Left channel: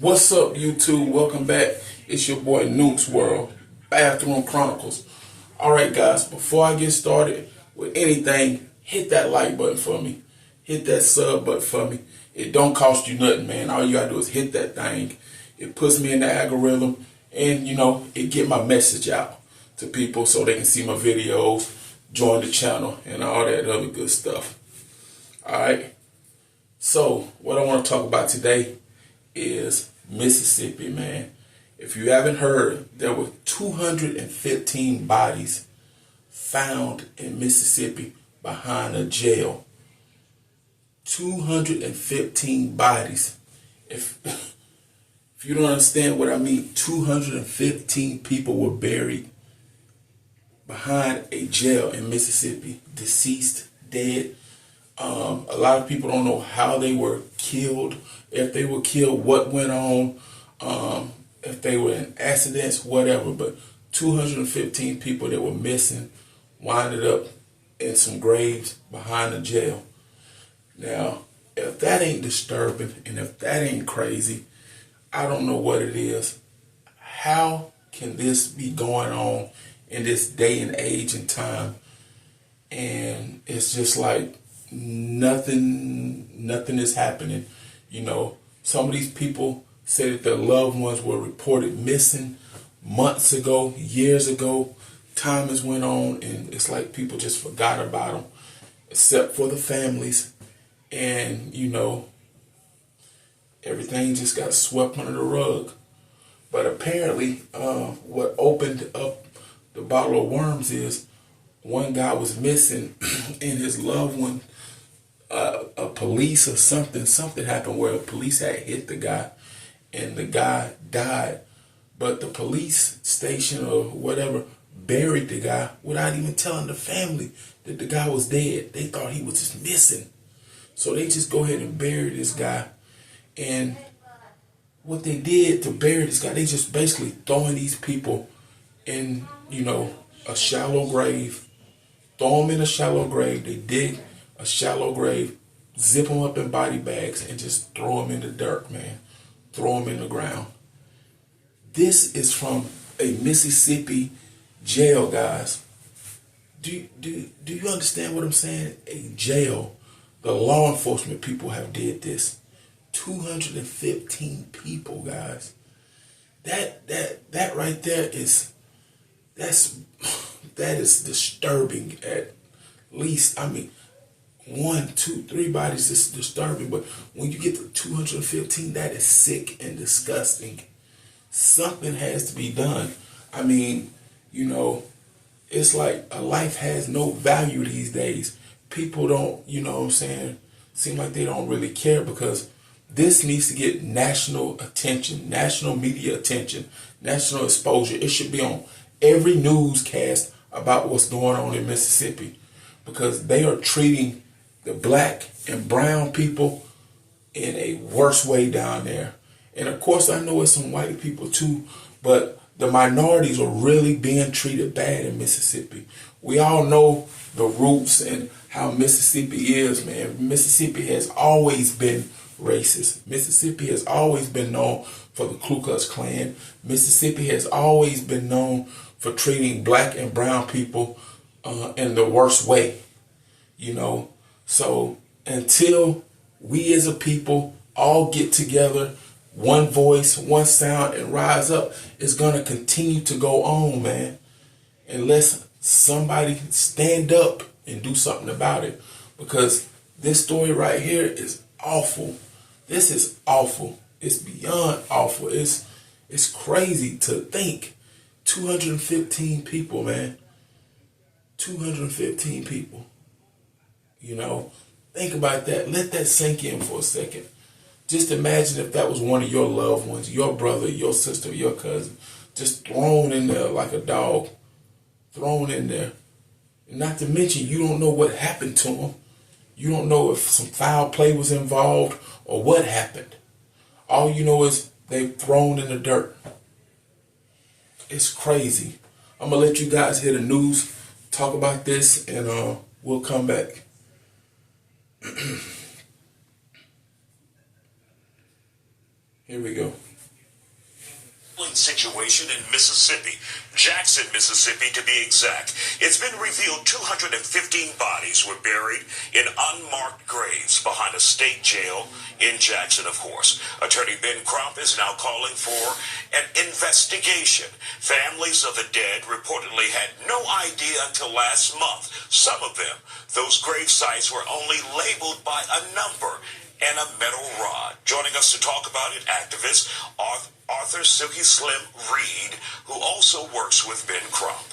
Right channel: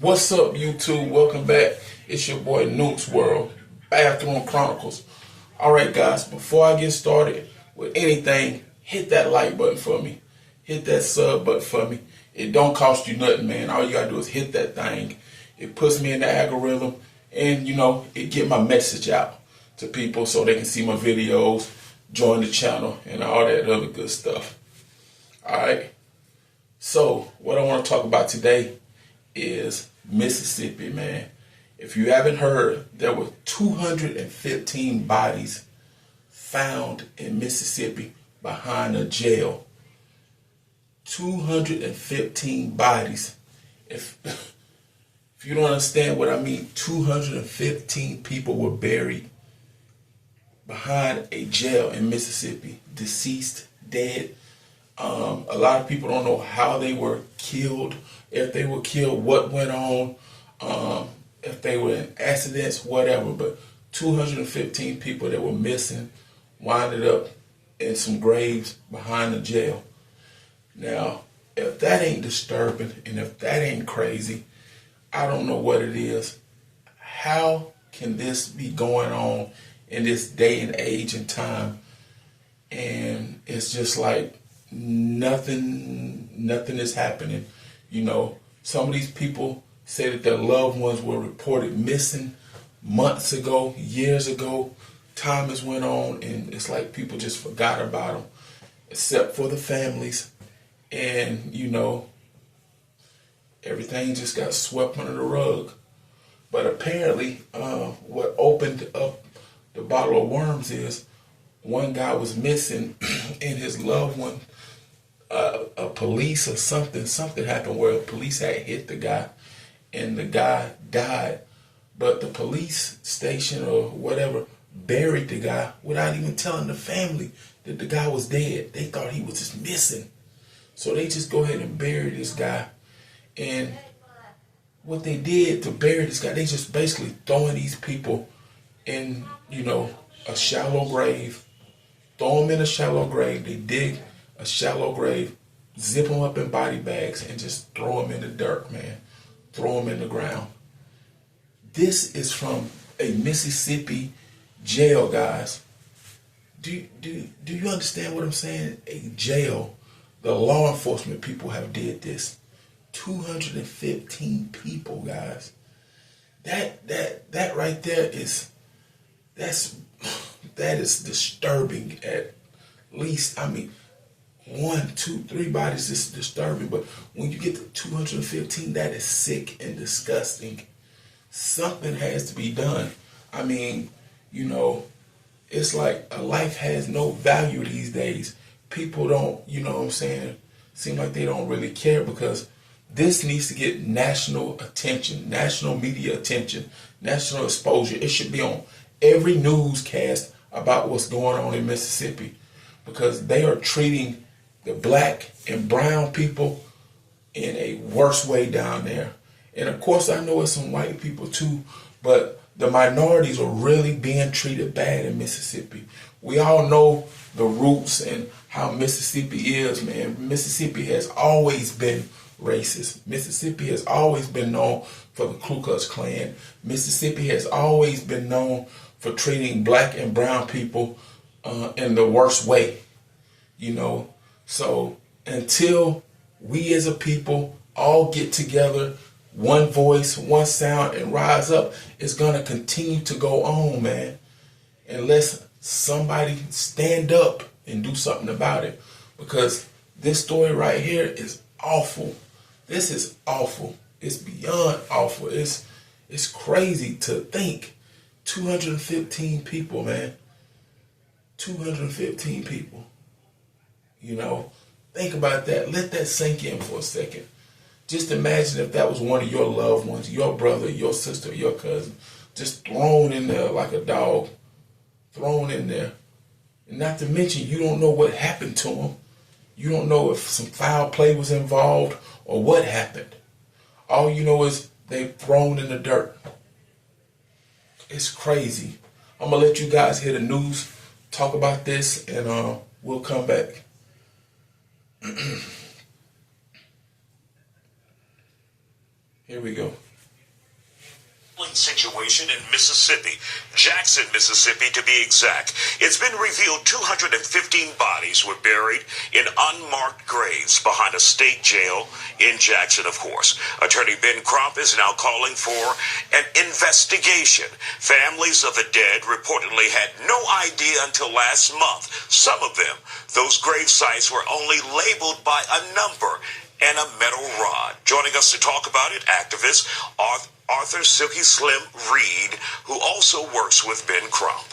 What's up, YouTube? Welcome back. It's your boy Nukes World, Bathroom Chronicles. All right, guys, before I get started with anything, hit that like button for me. Hit that sub button for me. It don't cost you nothing, man. All you gotta do is hit that thing. It puts me in the algorithm, and it get my message out to people so they can see my videos, join the channel, and all that other good stuff. All right. So what I want to talk about today is Mississippi, man. If you haven't heard, there were 215 bodies found in Mississippi behind a jail. 215 bodies. If you don't understand what I mean, 215 people were buried behind a jail in Mississippi, deceased, dead. A lot of people don't know how they were killed, if they were killed, what went on, if they were in accidents, whatever. But 215 people that were missing winded up in some graves behind the jail. Now, if that ain't disturbing and if that ain't crazy, I don't know what it is. How can this be going on in this day and age and time? And it's just like nothing is happening. Some of these people say that their loved ones were reported missing months ago, years ago. Time has went on, and it's like people just forgot about them, except for the families. And everything just got swept under the rug. But apparently, what opened up the bottle of worms is one guy was missing, and his loved one, a police or something happened where police had hit the guy, and the guy died. But the police station or whatever buried the guy without even telling the family that the guy was dead. They thought he was just missing. So they just go ahead and bury this guy. And what they did to bury this guy, they just basically throwing these people in, a shallow grave. Throw them in a shallow grave. They dig a shallow grave, zip them up in body bags, and just throw them in the dirt, man. Throw them in the ground. This is from a Mississippi jail, guys. Do you understand what I'm saying? A jail. The law enforcement people have did this. 215 people, guys. That right there is disturbing. At least, 1, 2, 3 bodies is disturbing, but when you get to 215, that is sick and disgusting. Something has to be done. It's like a life has no value these days. People don't, seem like they don't really care, because this needs to get national attention, national media attention, national exposure. It should be on every newscast about what's going on in Mississippi, because they are treating the black and brown people in a worse way down there. And of course, I know it's some white people too, but the minorities are really being treated bad in Mississippi. We all know the roots and how Mississippi is, man. Mississippi has always been racist. Mississippi has always been known for the Ku Klux Klan. Mississippi has always been known for treating black and brown people in the worst way, So until we as a people all get together, one voice, one sound, and rise up, it's going to continue to go on, man. Unless somebody stand up and do something about it. Because this story right here is awful. This is awful. It's beyond awful. It's crazy to think. 215 people, man. 215 people. Think about that. Let that sink in for a second. Just imagine if that was one of your loved ones, your brother, your sister, your cousin, just thrown in there like a dog. Thrown in there. And not to mention, you don't know what happened to them. You don't know if some foul play was involved or what happened. All you know is they thrown in the dirt. It's crazy. I'm going to let you guys hear the news, talk about this, and we'll come back. Here we go. situation in Mississippi, Jackson, Mississippi to be exact. It's been revealed 215 bodies were buried in unmarked graves behind a state jail in Jackson, of course. Attorney Ben Crump is now calling for an investigation. Families of the dead reportedly had no idea until last month. Some of them, those grave sites were only labeled by a number and a metal rod. Joining us to talk about it, activist Arthur Silky Slim Reed, who also works with Ben Crump.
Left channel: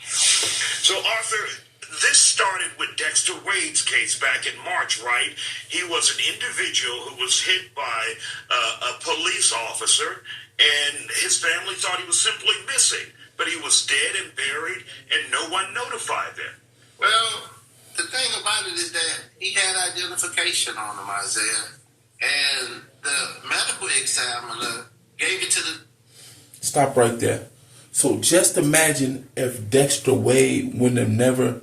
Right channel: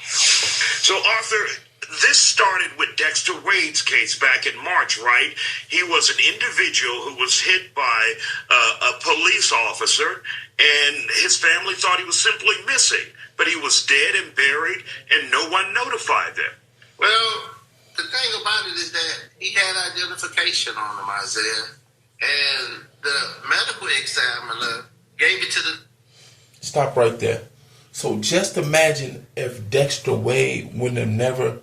So, Arthur, this started with Dexter Wade's case back in March, right? He was an individual who was hit by a police officer, and his family thought he was simply missing, but he was dead and buried, and no one notified them. Well, the thing about it is that he had identification on him, Isaiah, and the medical examiner gave it to the... Stop right there. So just imagine if Dexter Wade wouldn't have never,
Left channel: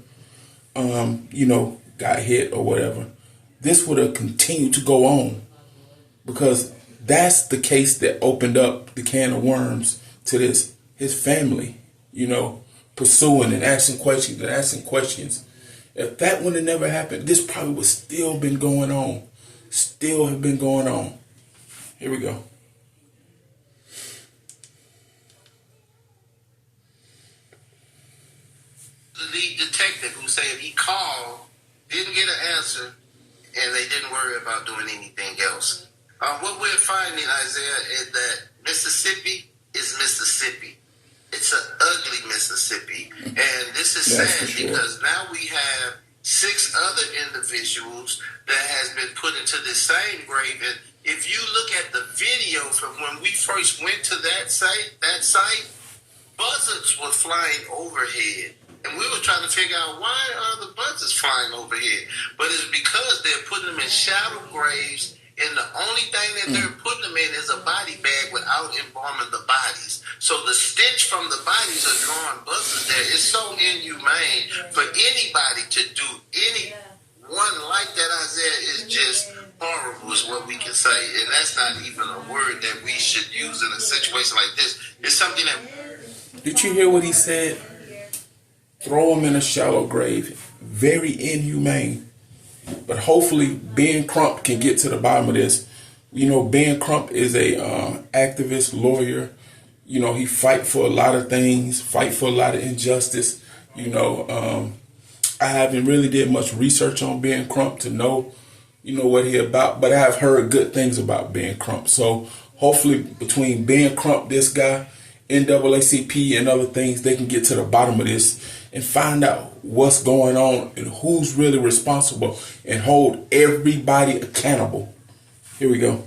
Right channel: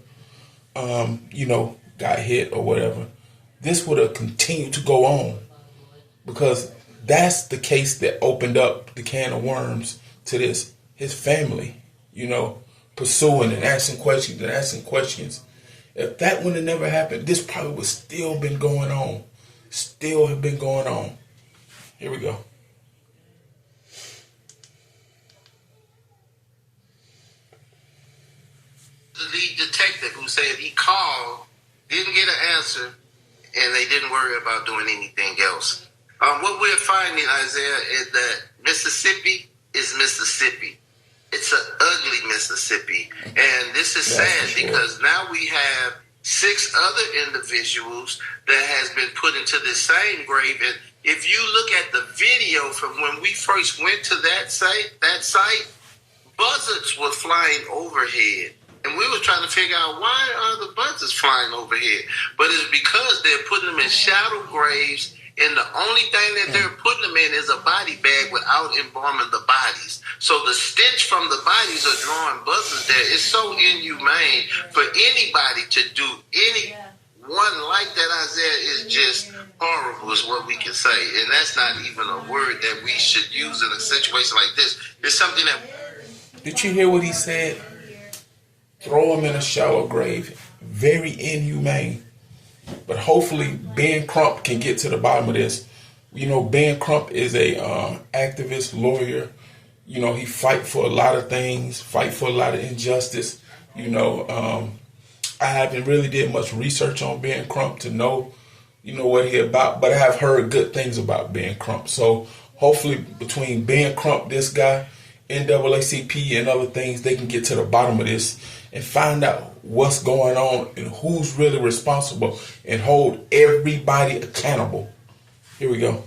got hit or whatever. This would have continued to go on, because that's the case that opened up the can of worms to this. His family, pursuing and asking questions. If that would have never happened, this probably would still been going on. Still have been going on. Here we go. The lead detective who said he called, didn't get an answer, and they didn't worry about doing anything else. What we're finding, Isaiah, is that Mississippi is Mississippi. It's an ugly Mississippi. And this is sad because now we have 6 other individuals that has been put into the same grave. And if you look at the video from when we first went to that site, buzzards were flying overhead. And we were trying to figure out, why are the buzzards flying overhead? But it's because they're putting them in shallow graves, and the only thing that they're putting them in is a body bag without embalming the bodies. So the stench from the bodies are drawing buzzards there. It's so inhumane for anybody to do any one like that, Isaiah, is just horrible is what we can say. And that's not even a word that we should use in a situation like this. It's something that... Did you hear what he said? Throw them in a shallow grave. Very inhumane. But hopefully Ben Crump can get to the bottom of this. Ben Crump is a activist, lawyer. He fight for a lot of things, fight for a lot of injustice. I haven't really did much research on Ben Crump to know, what he about. But I have heard good things about Ben Crump. So hopefully between Ben Crump, this guy, NAACP and other things, they can get to the bottom of this and find out what's going on and who's really responsible and hold everybody accountable. Here we go.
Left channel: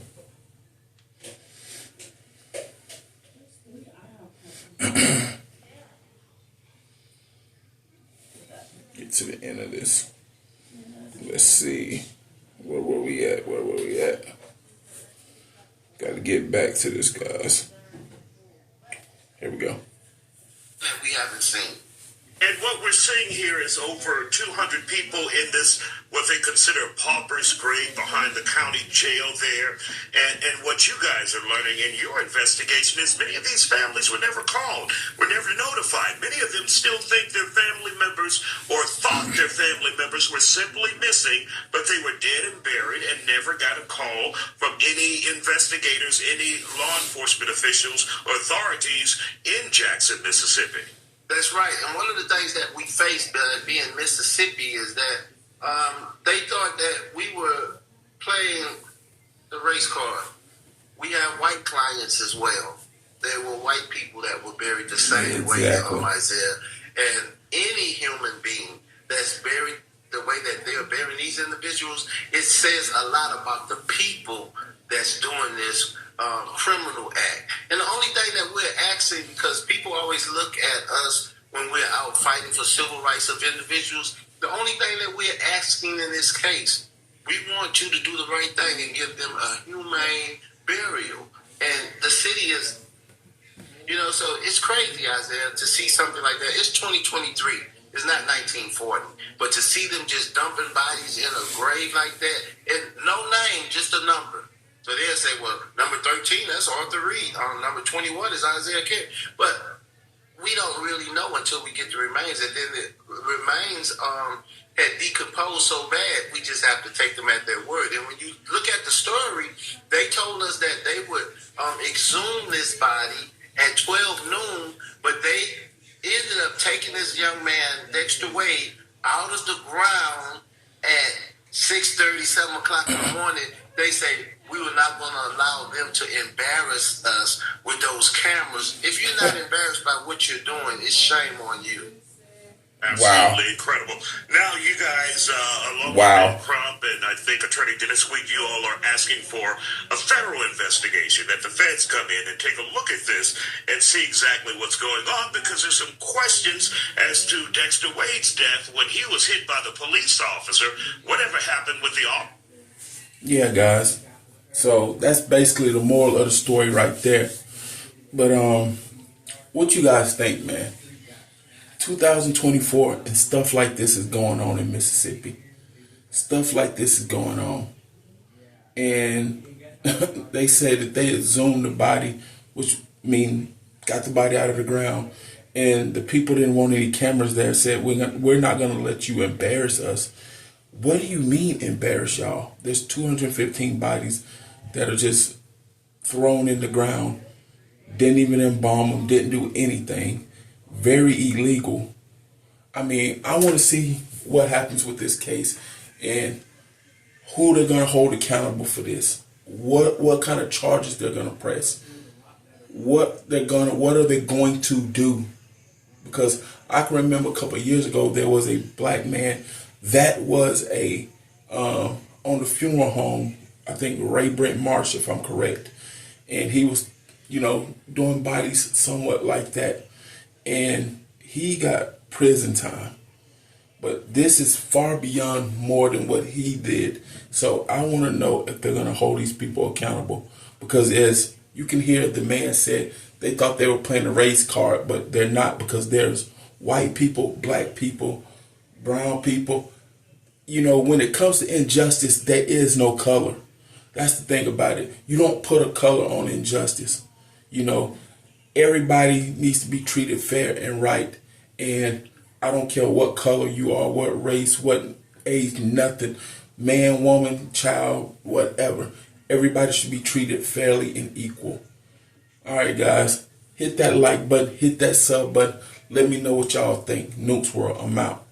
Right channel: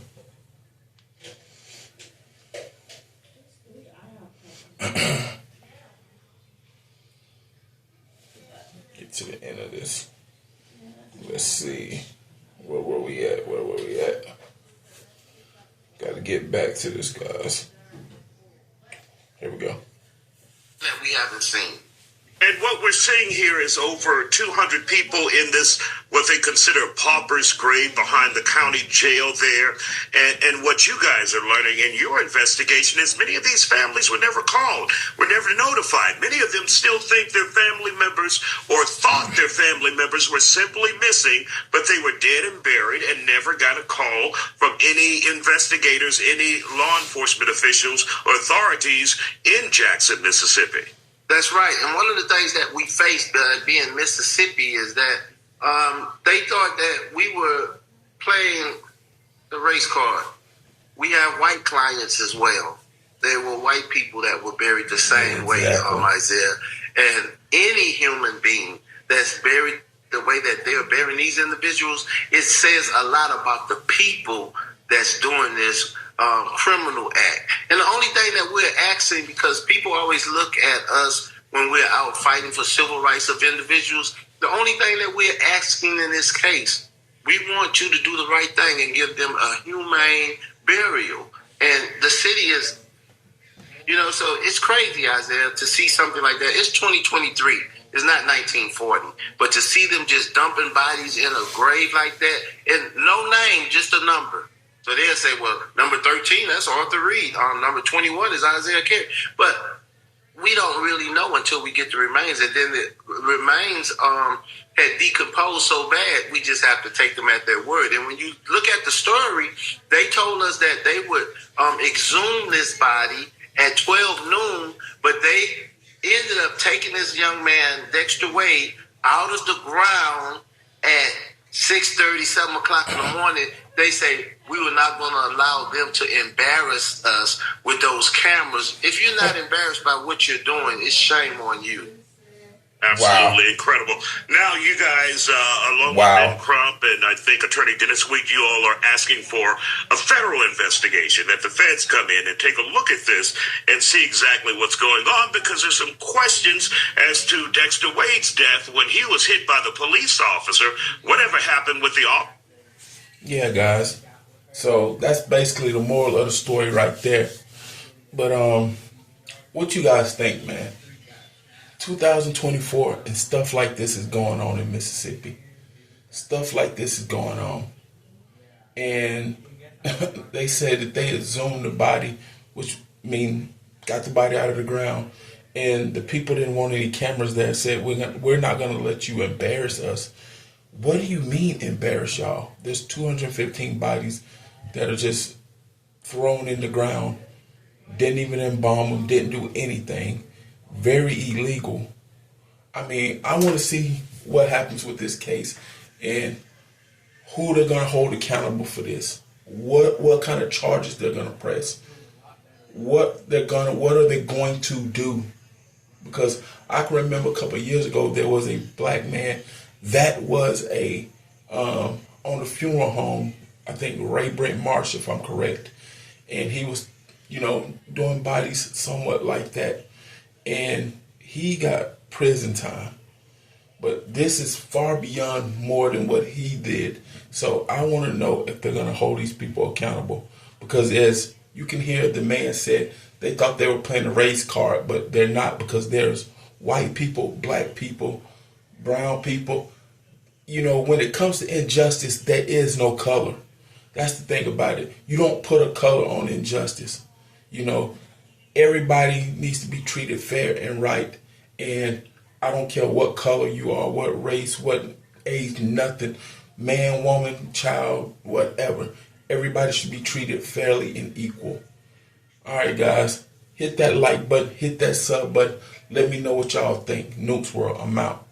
Get to the end of this. Let's see. Where were we at? Got to get back to this, guys. Here we go. That we haven't seen. And what we're seeing here is over 200 people in this, what they consider a pauper's grave behind the county jail there. And what you guys are learning in your investigation is many of these families were never called, were never notified. Many of them still think their family members or thought their family members were simply missing, but they were dead and buried and never got a call from any investigators, any law enforcement officials or authorities in Jackson, Mississippi. That's right. And one of the things that we faced being Mississippi is that they thought that we were playing the race card. We have white clients as well. There were white people that were buried the same way, Isaiah. And any human being that's buried the way that they're burying these individuals, it says a lot about the people that's doing this criminal act. And the only thing that we're asking, because people always look at us when we're out fighting for civil rights of individuals, the only thing that we're asking in this case, we want you to do the right thing and give them a humane burial. And the city is, so it's crazy, Isaiah, to see something like that. It's 2023. It's not 1940. But to see them just dumping bodies in a grave like that, and no name, just a number. So they'll say, well, number 13, that's Arthur Reed. Number 21 is Isaiah Carey. But we don't really know until we get the remains. And then the remains had decomposed so bad, we just have to take them at their word. And when you look at the story, they told us that they would exhume this body at 12 noon, but they ended up taking this young man, Dexter Wade, out of the ground at 6:30, 7 o'clock in the morning. They say, we were not going to allow them to embarrass us with those cameras. If you're not embarrassed by what you're doing, it's shame on you. Absolutely incredible. Now, you guys, along with Ben Crump and I think Attorney Dennis Weed, you all are asking for a federal investigation, that the feds come in and take a look at this and see exactly what's going on, because there's some questions as to Dexter Wade's death when he was hit by the police officer. Whatever happened with the officer? Yeah, guys. So that's basically the moral of the story right there. But what you guys think, man? 2024 and stuff like this is going on in Mississippi. Stuff like this is going on. And they said that they exhumed the body, which mean got the body out of the ground. And the people didn't want any cameras there, said, we're not going to let you embarrass us. What do you mean embarrass y'all? There's 215 bodies that are just thrown in the ground. Didn't even embalm them, didn't do anything. Very illegal. I mean, I want to see what happens with this case and who they're going to hold accountable for this. What kind of charges they're going to press. What are they going to do? Because I can remember a couple of years ago there was a black man that was on the funeral home, I think Ray Brent Marsh, if I'm correct. And he was, doing bodies somewhat like that. And he got prison time. But this is far beyond more than what he did. So I want to know if they're going to hold these people accountable. Because as you can hear, the man said they thought they were playing a race card, but they're not, because there's white people, black people, brown people. When it comes to injustice, there is no color. That's the thing about it. You don't put a color on injustice. Everybody needs to be treated fair and right. And I don't care what color you are, what race, what age, nothing. Man, woman, child, whatever. Everybody should be treated fairly and equal. All right, guys. Hit that like button. Hit that sub button. Let me know what y'all think. Nukes World, I'm out.